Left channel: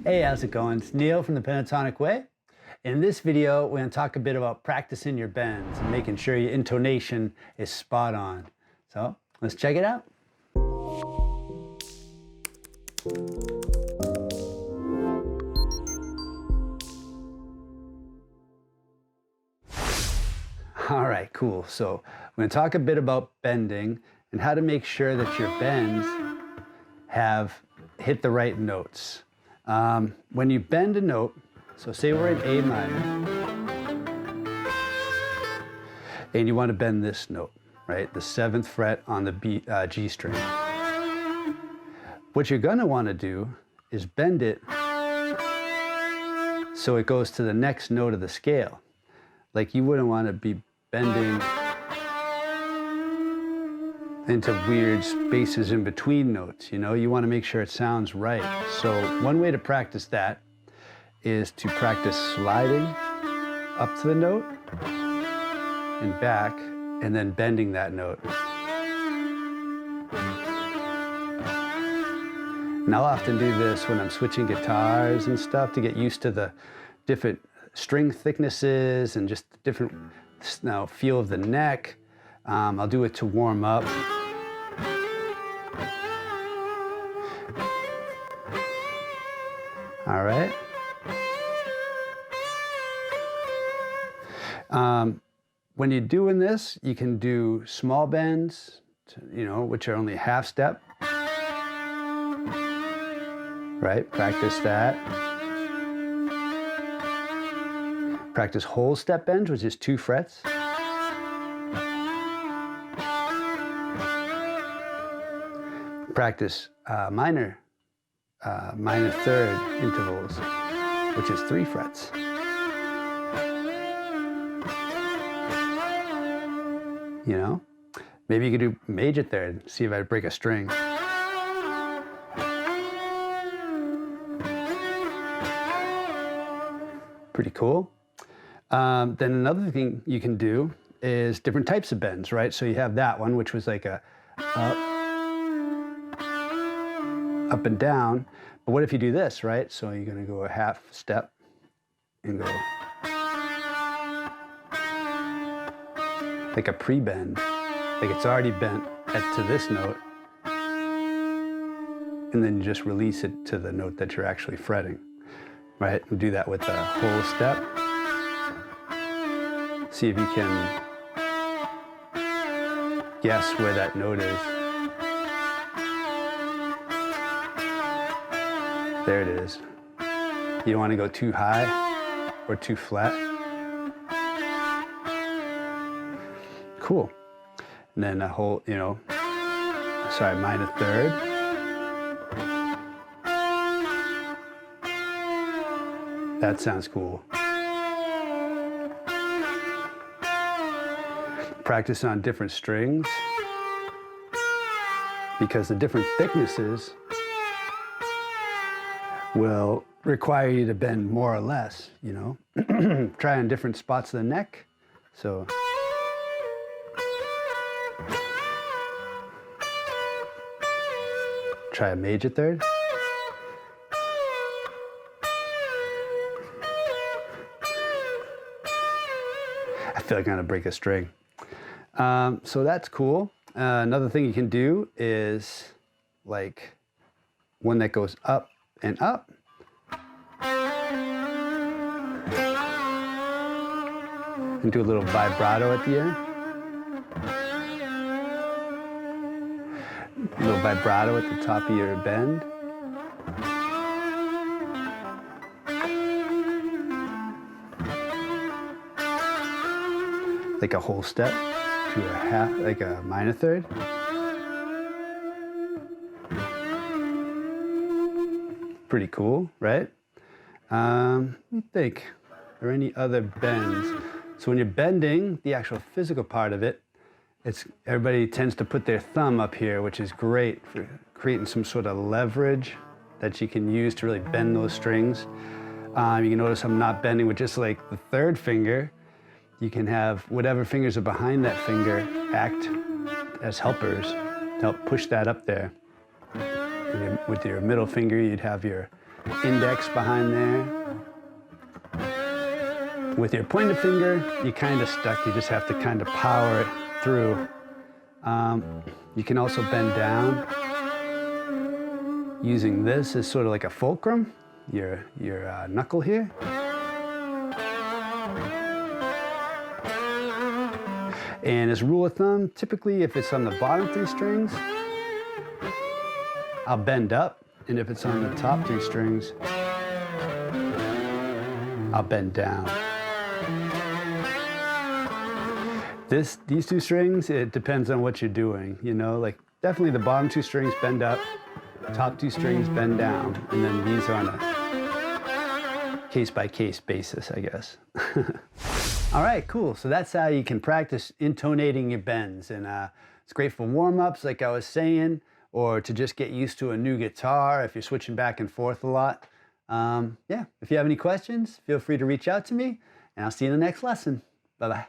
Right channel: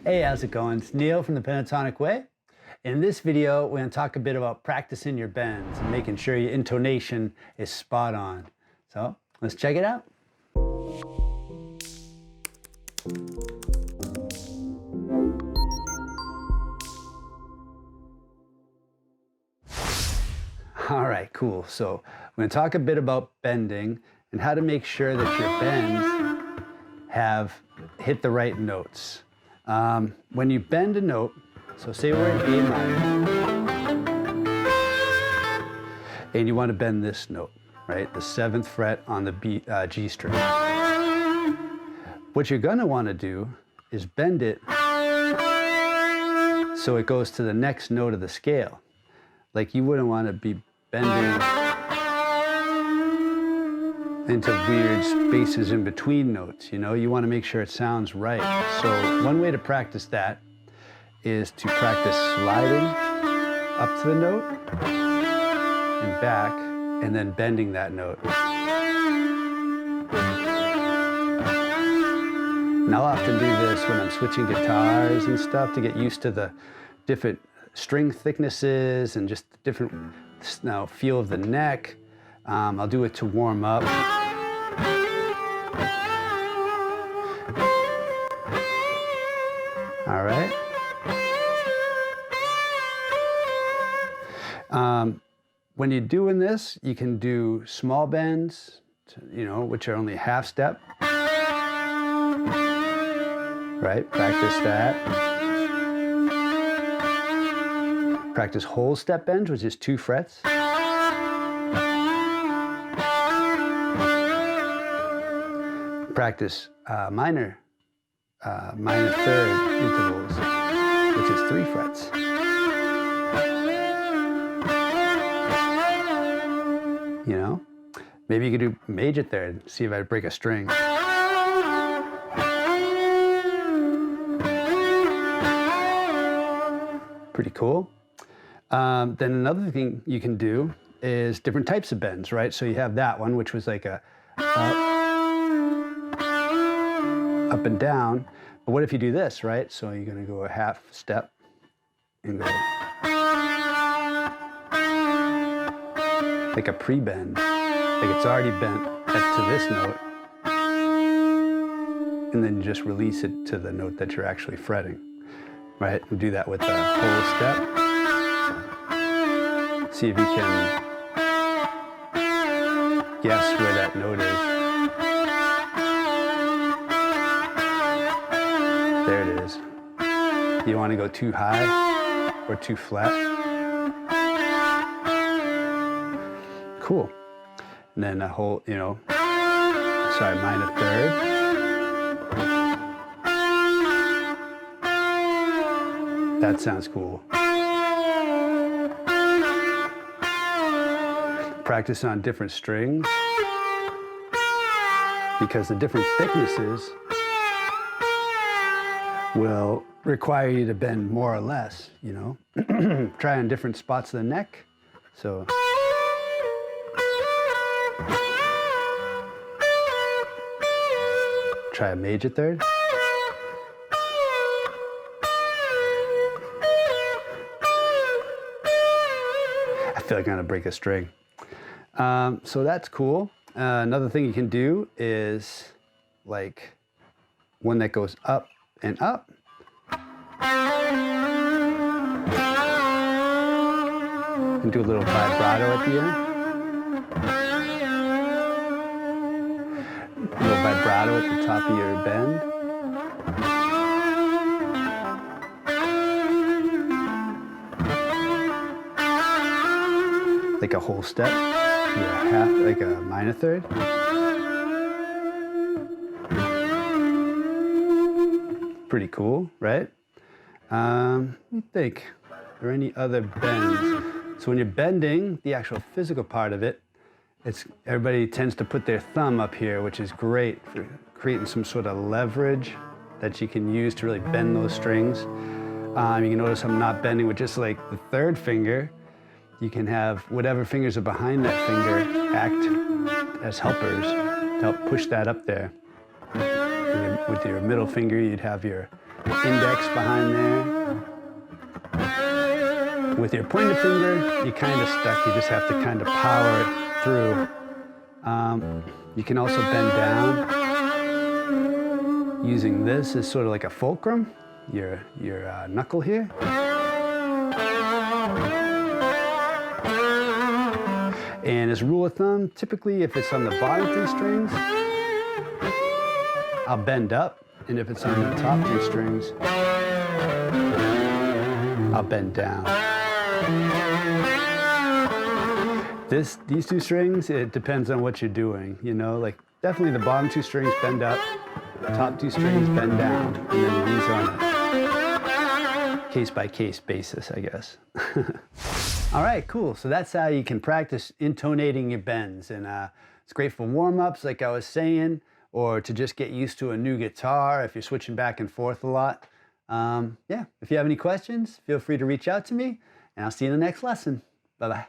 Hey, how's it going? It's Neil from the Pentatonic Way. In this video, we're going to talk a bit about practicing your bends and making sure your intonation is spot on. So let's check it out. All right, cool. So we're going to talk a bit about bending and how to make sure that your bends have hit the right notes. When you bend a note, so say we're in A minor, and you want to bend this note, right? The 7th fret on the G string. What you're going to want to do is bend it so it goes to the next note of the scale. Like you wouldn't want to be bending into weird spaces in between notes, you know? You want to make sure it sounds right. So one way to practice that is to practice sliding up to the note and back, and then bending that note. And I'll often do this when I'm switching guitars and stuff to get used to the different string thicknesses and just the different feel of the neck. I'll do it to warm up. All right. When you're doing this, you can do small bends, which are only half step. Right? Practice that. Practice whole step bends, which is 2 frets. Practice minor 3rd intervals, which is 3 frets. You know, maybe you could do major 3rd, see if I break a string. Pretty cool. Then another thing you can do is different types of bends, right? So you have that one, which was like a up and down. But what if you do this, right? So you're going to go a half step and go like a pre-bend, like it's already bent to this note, and then you just release it to the note that you're actually fretting, right? And do that with the whole step. See if you can guess where that note is. There it is. You don't want to go too high or too flat. Cool. And then a whole, minor 3rd. That sounds cool. Practice on different strings, because the different thicknesses will require you to bend more or less, Try on different spots of the neck. So try a major 3rd. I feel like I'm gonna break a string. So that's cool. Another thing you can do is like one that goes up and up. And do a little vibrato at the end. A little vibrato at the top of your bend. Like a whole step to a half, like a minor 3rd. Pretty cool, right? Let me think. Are there any other bends? So when you're bending, the actual physical part of it, everybody tends to put their thumb up here, which is great for creating some sort of leverage that you can use to really bend those strings. You can notice I'm not bending with just like the 3rd finger. You can have whatever fingers are behind that finger act as helpers to help push that up there. With your middle finger, you'd have your index behind there. With your pointer finger, you're kind of stuck. You just have to kind of power it through. You can also bend down using this as sort of like a fulcrum, your knuckle here. And as a rule of thumb, typically if it's on the bottom 3 strings, I'll bend up, and if it's on the top 3 strings, I'll bend down. These 2 strings, it depends on what you're doing, you know, like definitely the bottom 2 strings bend up, top 2 strings bend down, and then these are on a case-by-case basis, I guess. All right, cool. So that's how you can practice intonating your bends, and it's great for warm-ups, like I was saying, or to just get used to a new guitar if you're switching back and forth a lot. Yeah, if you have any questions, feel free to reach out to me, and I'll see you in the next lesson. Bye-bye.